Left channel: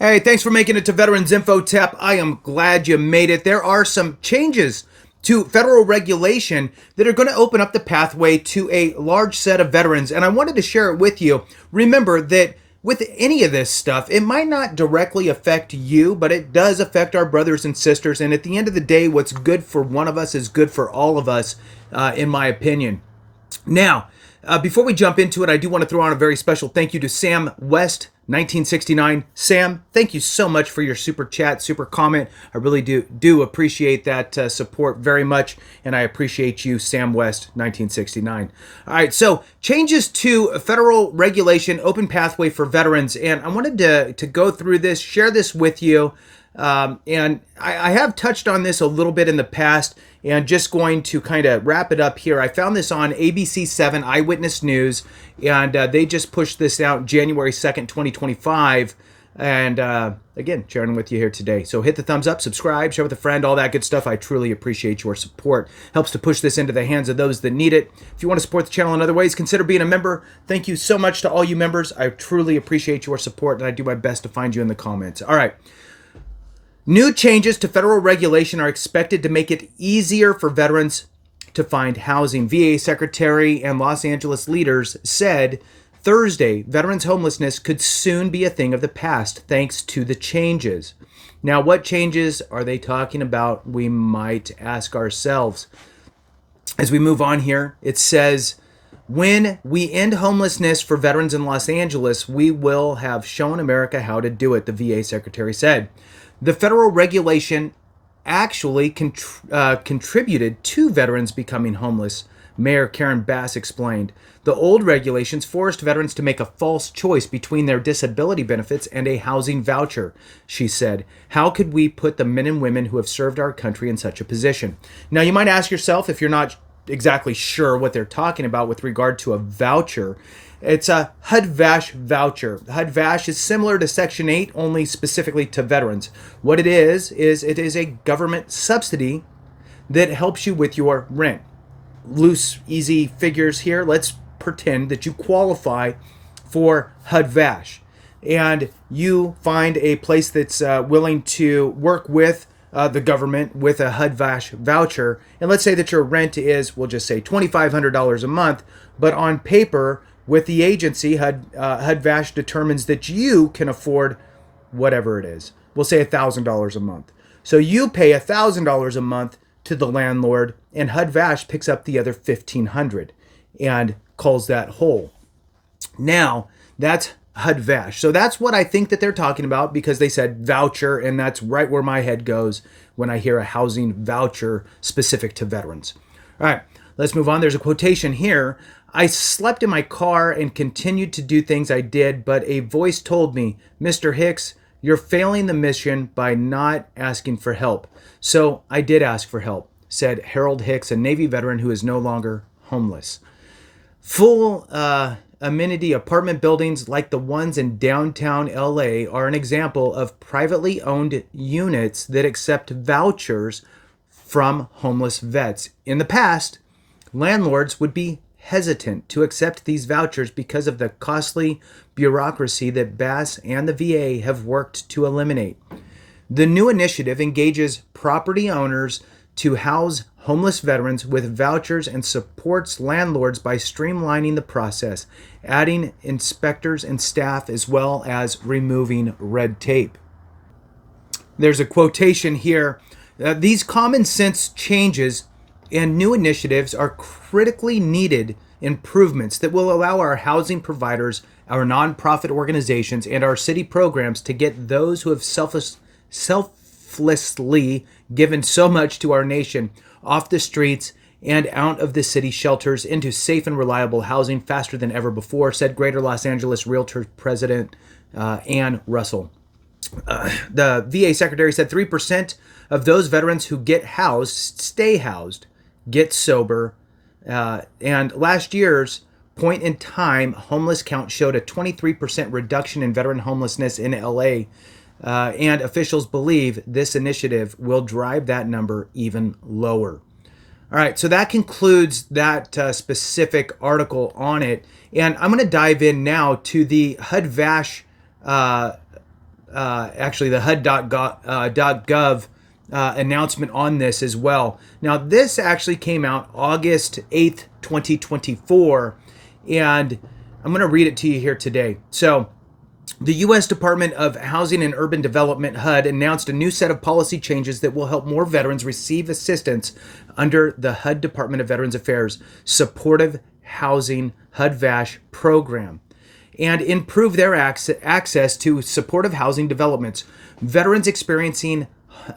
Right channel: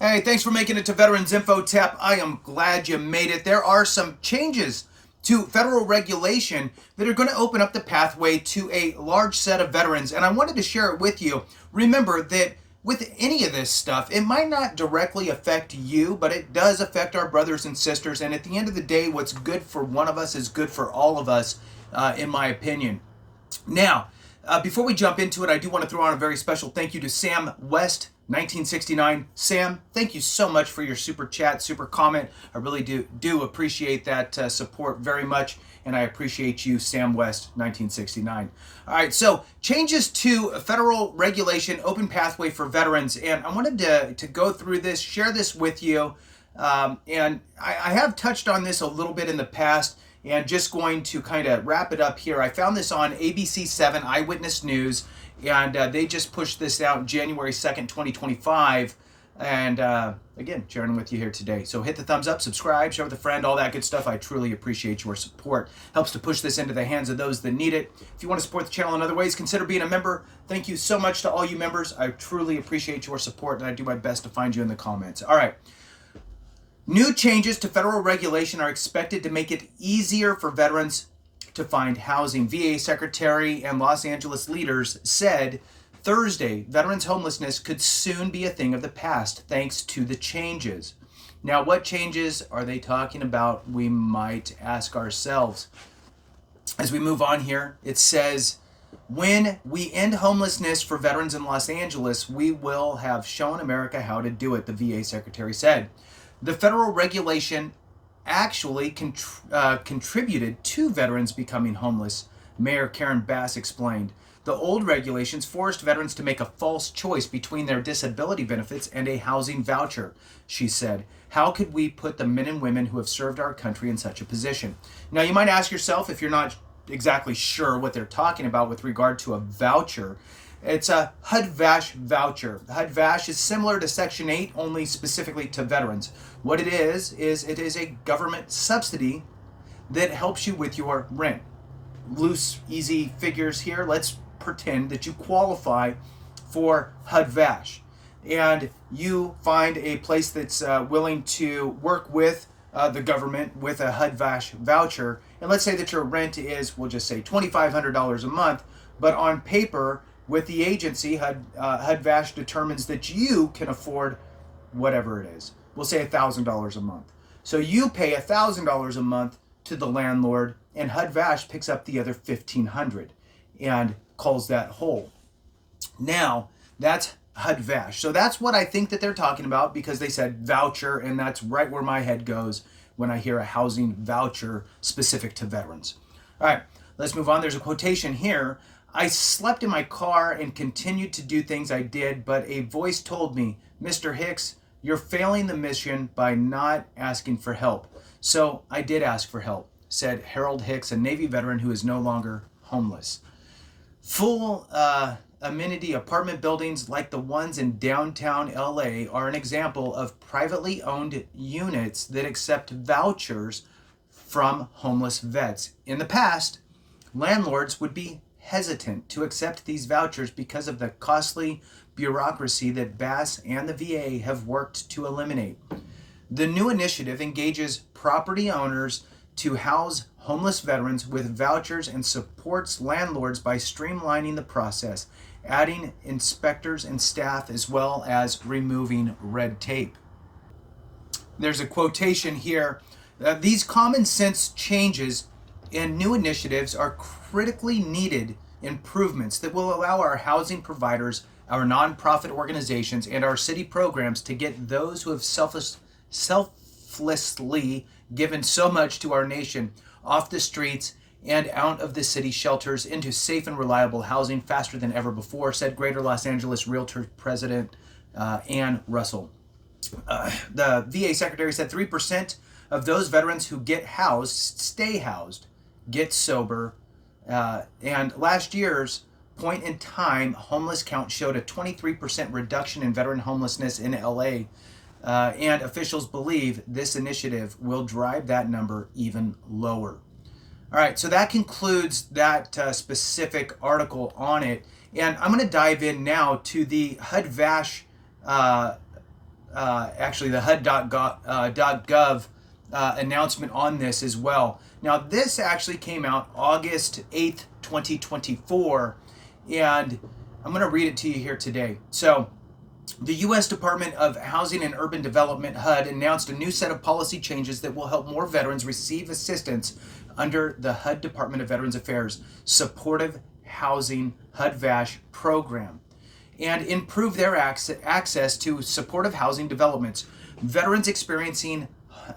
Hey, thanks for making it to Veterans Info Tap. I am glad you made it. There are some changes to federal regulation that are going to open up the pathway to a large set of veterans, and I wanted to share it with you. Remember that with any of this stuff, it might not directly affect you, but it does affect our brothers and sisters, and at the end of the day, what's good for one of us is good for all of us, in my opinion. Now, before we jump into it, I do want to throw on a very special thank you to Sam West, 1969. Sam, thank you so much for your super chat, super comment. I really do appreciate that support very much, and I appreciate you, Sam West, 1969. All right, so changes to federal regulation, open pathway for veterans, and I wanted to go through this, share this with you, and I have touched on this a little bit in the past, and just going to kind of wrap it up here. I found this on ABC 7 Eyewitness News, and they just pushed this out January 2nd, 2025. And again, sharing with you here today. So hit the thumbs up, subscribe, share with a friend, all that good stuff. I truly appreciate your support. Helps to push this into the hands of those that need it. If you want to support the channel in other ways, consider being a member. Thank you so much to all you members. I truly appreciate your support, and I do my best to find you in the comments. All right. New changes to federal regulation are expected to make it easier for veterans to find housing. VA Secretary and Los Angeles leaders said Thursday veterans' homelessness could soon be a thing of the past thanks to the changes. Now, what changes are they talking about? We might ask ourselves. As we move on here, it says, when we end homelessness for veterans in Los Angeles, we will have shown America how to do it, the VA Secretary said. The federal regulation actually contributed to veterans becoming homeless, Mayor Karen Bass explained. The old regulations forced veterans to make a false choice between their disability benefits and a housing voucher, she said. How could we put the men and women who have served our country in such a position? Now, you might ask yourself, if you're not exactly sure what they're talking about with regard to a voucher, it's a HUD Vash voucher. HUD Vash is similar to Section 8, only specifically to veterans. What it is it is a government subsidy that helps you with your rent. Loose, easy figures here. Let's pretend that you qualify for HUD Vash, and you find a place that's willing to work with the government with a HUD Vash voucher. And let's say that your rent is, we'll just say $2,500 a month, but on paper, with the agency, HUD Vash determines that you can afford whatever it is. We'll say $1,000 a month. So you pay $1,000 a month to the landlord, and HUD Vash picks up the other $1,500 and calls that whole. Now, that's HUD Vash. So that's what I think that they're talking about, because they said voucher, and that's right where my head goes when I hear a housing voucher specific to veterans. All right, let's move on. There's a quotation here. I slept in my car and continued to do things I did, but a voice told me, Mr. Hicks, you're failing the mission by not asking for help. So I did ask for help, said Harold Hicks, a Navy veteran who is no longer homeless. Full amenity apartment buildings like the ones in downtown LA are an example of privately owned units that accept vouchers from homeless vets. In the past, landlords would be hesitant to accept these vouchers because of the costly bureaucracy that Bass and the VA have worked to eliminate. The new initiative engages property owners to house homeless veterans with vouchers and supports landlords by streamlining the process, adding inspectors and staff, as well as removing red tape. There's a quotation here. These common sense changes and new initiatives are critically needed improvements that will allow our housing providers, our nonprofit organizations, and our city programs to get those who have selflessly given so much to our nation off the streets and out of the city shelters into safe and reliable housing faster than ever before, said Greater Los Angeles Realtor President Ann Russell. The VA Secretary said 3% of those veterans who get housed stay housed, get sober, and last year's point in time homeless count showed a 23% reduction in veteran homelessness in LA, and officials believe this initiative will drive that number even lower. All right, so that concludes that specific article on it, and I'm going to dive in now to the HUD Vash actually the HUD.gov announcement on this as well. Now, this actually came out August 8th, 2024, and I'm going to read it to you here today. So, the U.S. Department of Housing and Urban Development, HUD, announced a new set of policy changes that will help more veterans receive assistance under the HUD Department of Veterans Affairs Supportive Housing HUD Vash program and improve their access to supportive housing developments. Veterans experiencing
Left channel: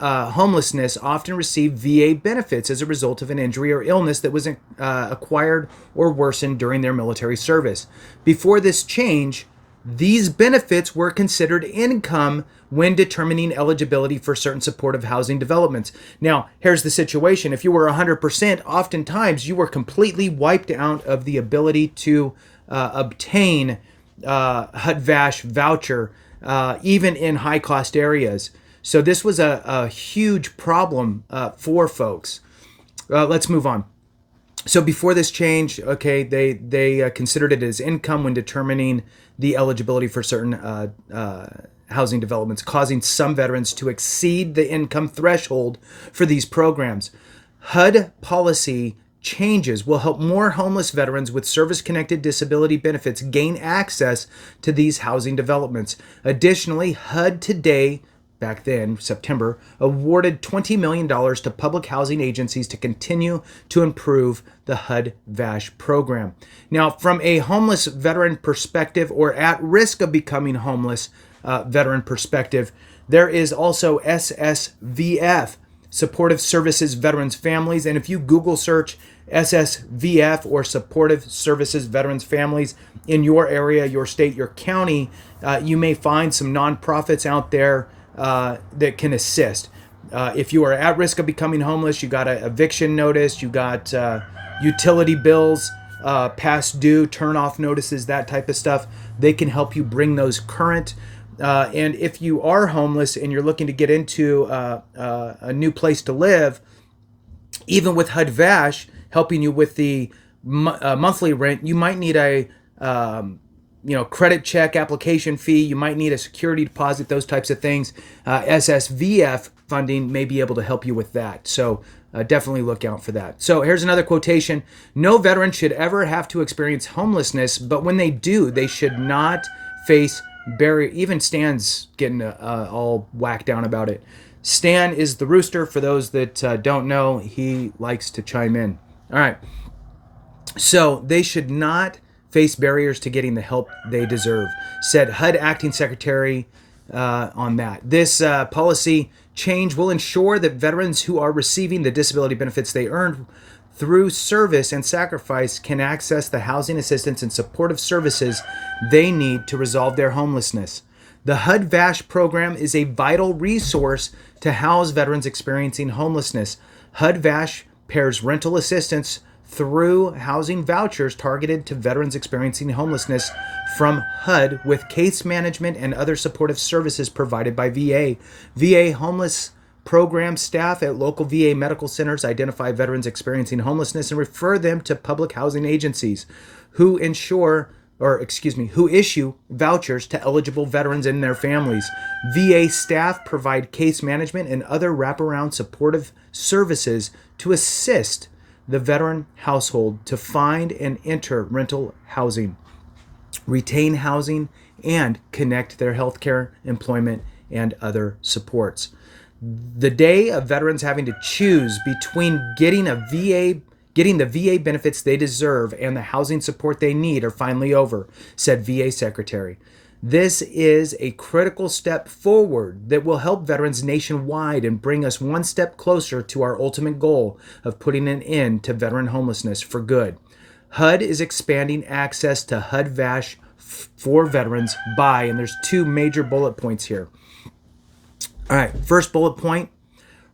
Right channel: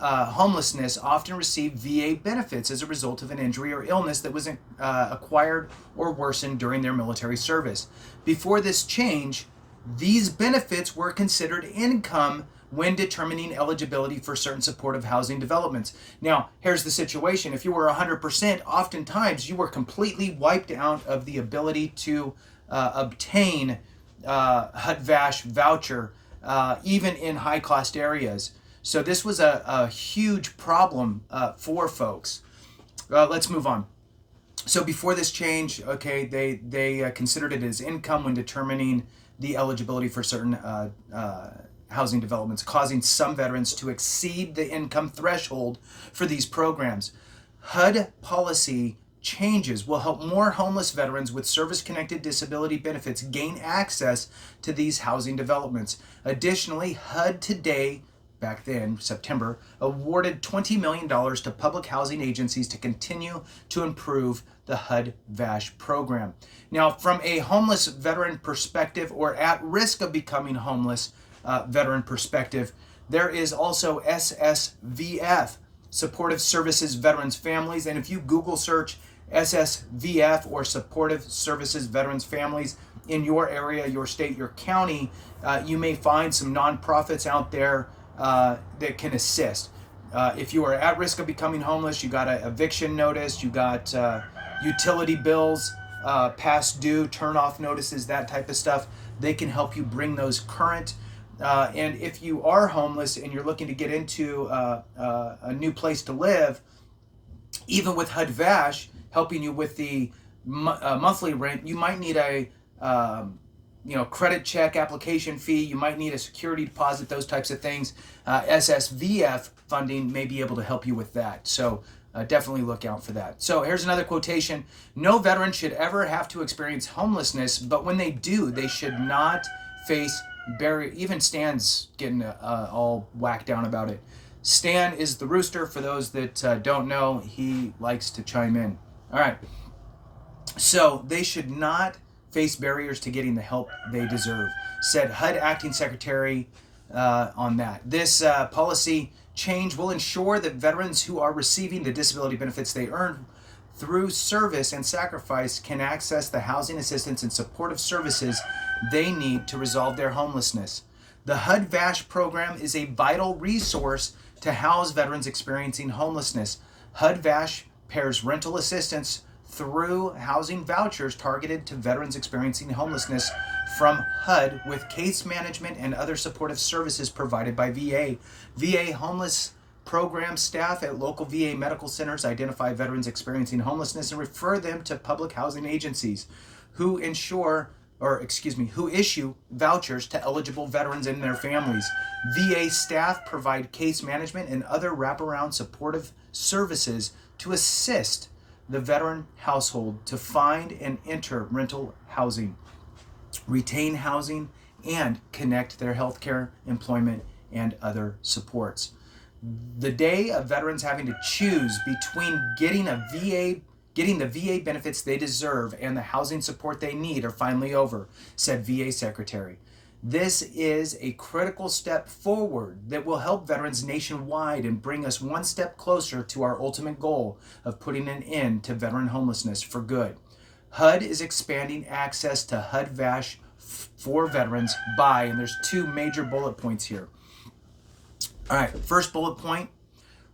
homelessness often receive VA benefits as a result of an injury or illness that was acquired or worsened during their military service. Before this change, these benefits were considered income when determining eligibility for certain supportive housing developments. Now, here's the situation. If you were 100%, oftentimes you were completely wiped out of the ability to obtain HUD Vash voucher, even in high-cost areas. So this was a huge problem for folks. Let's move on. So before this change, okay, they considered it as income when determining the eligibility for certain housing developments, causing some veterans to exceed the income threshold for these programs. HUD policy changes will help more homeless veterans with service-connected disability benefits gain access to these housing developments. Additionally, HUD today, back then, September, awarded $20 million to public housing agencies to continue to improve the HUD Vash program. Now, from a homeless veteran perspective or at risk of becoming homeless veteran perspective, there is also SSVF, Supportive Services Veterans Families. And if you Google search SSVF or Supportive Services Veterans Families in your area, your state, your county, you may find some nonprofits out there that can assist. If you are at risk of becoming homeless, you got an eviction notice, you got utility bills, past due, turn off notices, that type of stuff. They can help you bring those current. And if you are homeless and you're looking to get into a new place to live, even with HUD Vash helping you with the monthly rent, you might need a credit check application fee. You might need a security deposit, those types of things. SSVF funding may be able to help you with that. So definitely look out for that. So here's another quotation. No veteran should ever have to experience homelessness, but when they do, they should not face barrier. Even Stan's getting all whacked down about it. Stan is the rooster. For those that don't know, he likes to chime in. All right. So they should not face barriers to getting the help they deserve, said HUD Acting Secretary on that. This policy change will ensure that veterans who are receiving the disability benefits they earned through service and sacrifice can access the housing assistance and supportive services they need to resolve their homelessness. The HUD Vash program is a vital resource to house veterans experiencing homelessness. HUD Vash pairs rental assistance through housing vouchers targeted to veterans experiencing homelessness from HUD with case management and other supportive services provided by VA. VA homeless program staff at local VA medical centers identify veterans experiencing homelessness and refer them to public housing agencies who issue vouchers to eligible veterans and their families. VA staff provide case management and other wraparound supportive services to assist the veteran household to find and enter rental housing, retain housing, and connect their healthcare, employment, and other supports. The day of veterans having to choose between getting the VA benefits they deserve and the housing support they need are finally over, said VA Secretary. This is a critical step forward that will help veterans nationwide and bring us one step closer to our ultimate goal of putting an end to veteran homelessness for good. HUD is expanding access to HUD Vash for veterans by, and there's two major bullet points here. All right, first bullet point,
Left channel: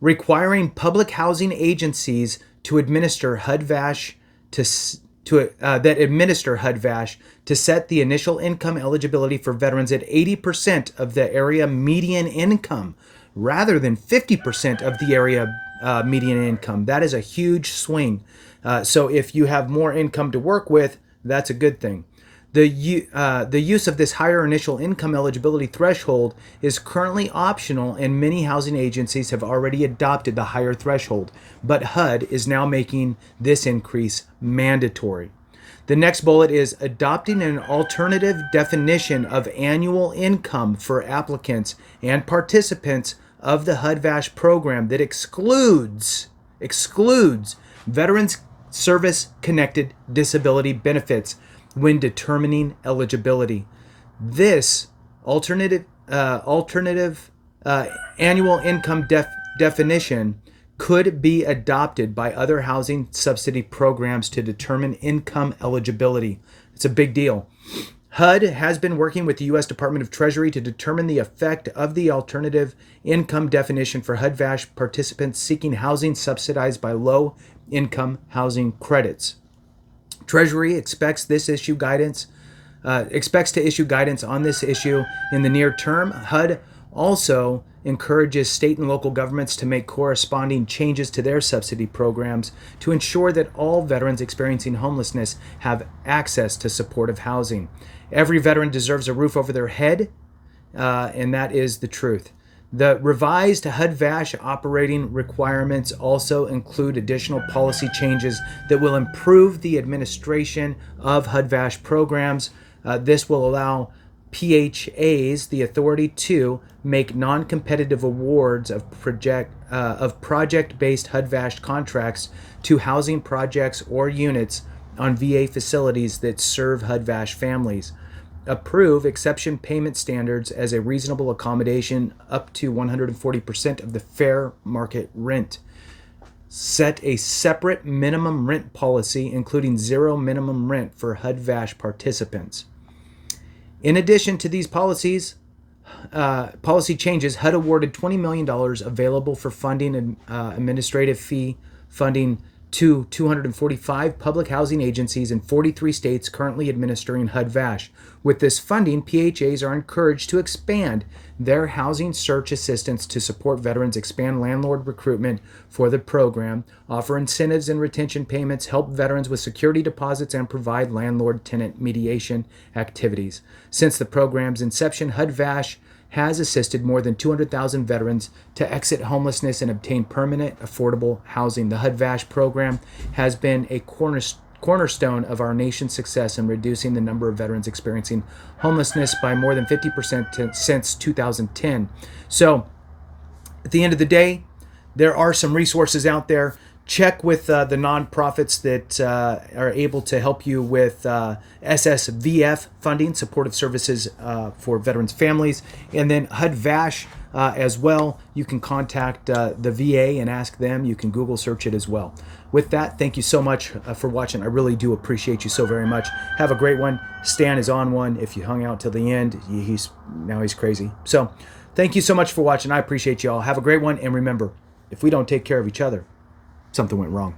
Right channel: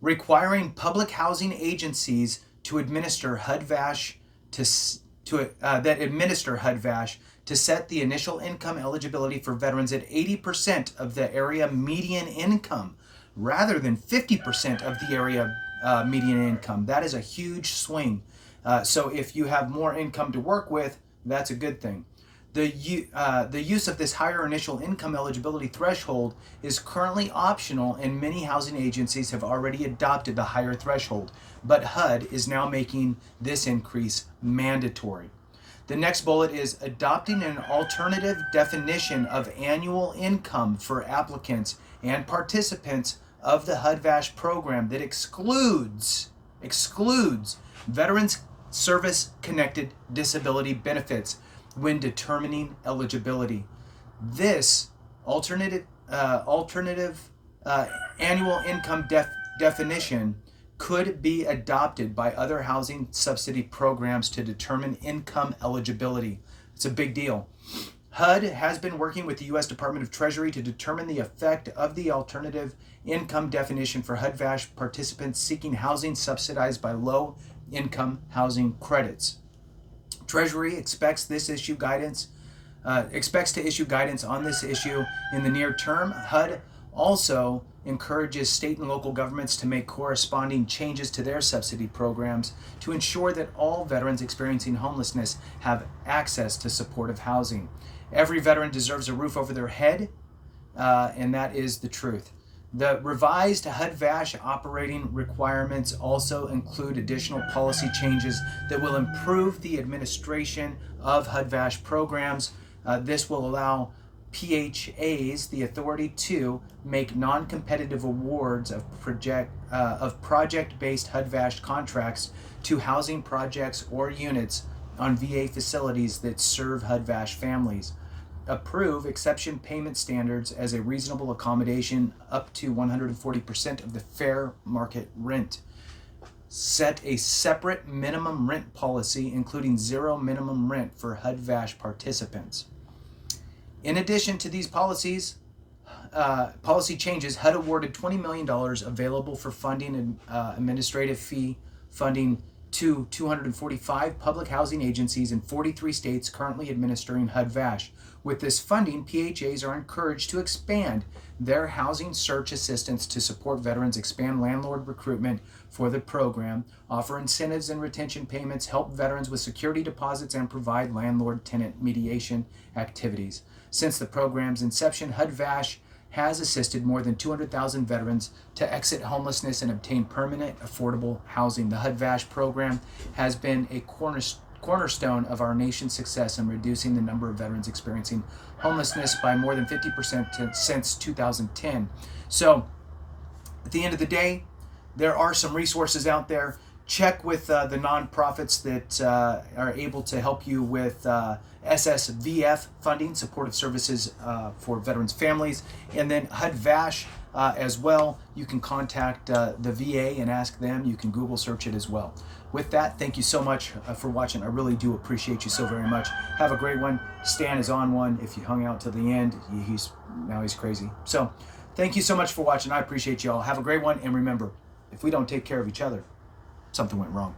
requiring public housing agencies to administer HUD Vash that administer HUD Vash to set the initial income eligibility for veterans at 80% of the area median income rather than 50% of the area median income. That is a huge swing. So if you have more income to work with, that's a good thing. The use of this higher initial income eligibility threshold is currently optional, and many housing agencies have already adopted the higher threshold, but HUD is now making this increase mandatory. The next bullet is adopting an alternative definition of annual income for applicants and participants of the HUD Vash program that excludes veterans service connected disability benefits when determining eligibility. This alternative annual income definition could be adopted by other housing subsidy programs to determine income eligibility. It's a big deal. HUD has been working with the U.S. Department of Treasury to determine the effect of the alternative income definition for HUD Vash participants seeking housing subsidized by low-income housing credits. Treasury expects to issue guidance on this issue in the near term. HUD also encourages state and local governments to make corresponding changes to their subsidy programs to ensure that all veterans experiencing homelessness have access to supportive housing. Every veteran deserves a roof over their head, and that is the truth. The revised HUD Vash operating requirements also include additional policy changes that will improve the administration of HUD Vash programs. This will allow PHAs the authority to make non-competitive awards of project-based HUD Vash contracts to housing projects or units on VA facilities that serve HUD Vash families. Approve exception payment standards as a reasonable accommodation up to 140% of the fair market rent. Set a separate minimum rent policy, including zero minimum rent for HUD Vash participants. In addition to these policy changes, HUD awarded $20 million available for funding and administrative fee funding to 245 public housing agencies in 43 states currently administering HUD Vash. With this funding, PHAs are encouraged to expand their housing search assistance to support veterans, expand landlord recruitment for the program, offer incentives and retention payments, help veterans with security deposits, and provide landlord-tenant mediation activities. Since the program's inception, HUD Vash has assisted more than 200,000 veterans to exit homelessness and obtain permanent, affordable housing. The HUD Vash program has been a cornerstone of our nation's success in reducing the number of veterans experiencing homelessness by more than 50% since 2010. So, at the end of the day, there are some resources out there. Check with the nonprofits that are able to help you with SSVF funding, supportive services for veterans' families, and then HUD Vash as well. You can contact the VA and ask them. You can Google search it as well. With that, thank you so much for watching. I really do appreciate you so very much. Have a great one. Stan is on one. If you hung out till the end, he's crazy. So thank you so much for watching. I appreciate you all. Have a great one. And remember, if we don't take care of each other, something went wrong.